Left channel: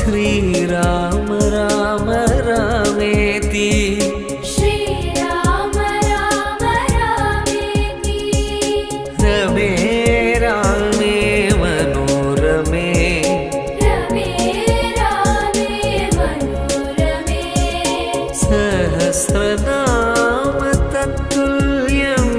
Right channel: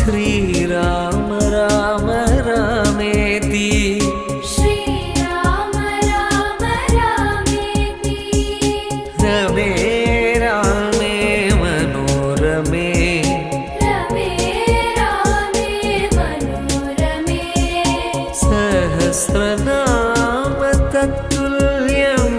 श्रीराम राम रामेति श्रीराम राम रामेति रमे रामे मनोरमे रमे रामे मनोरमे सहस्रनाम तत्तुल्यम्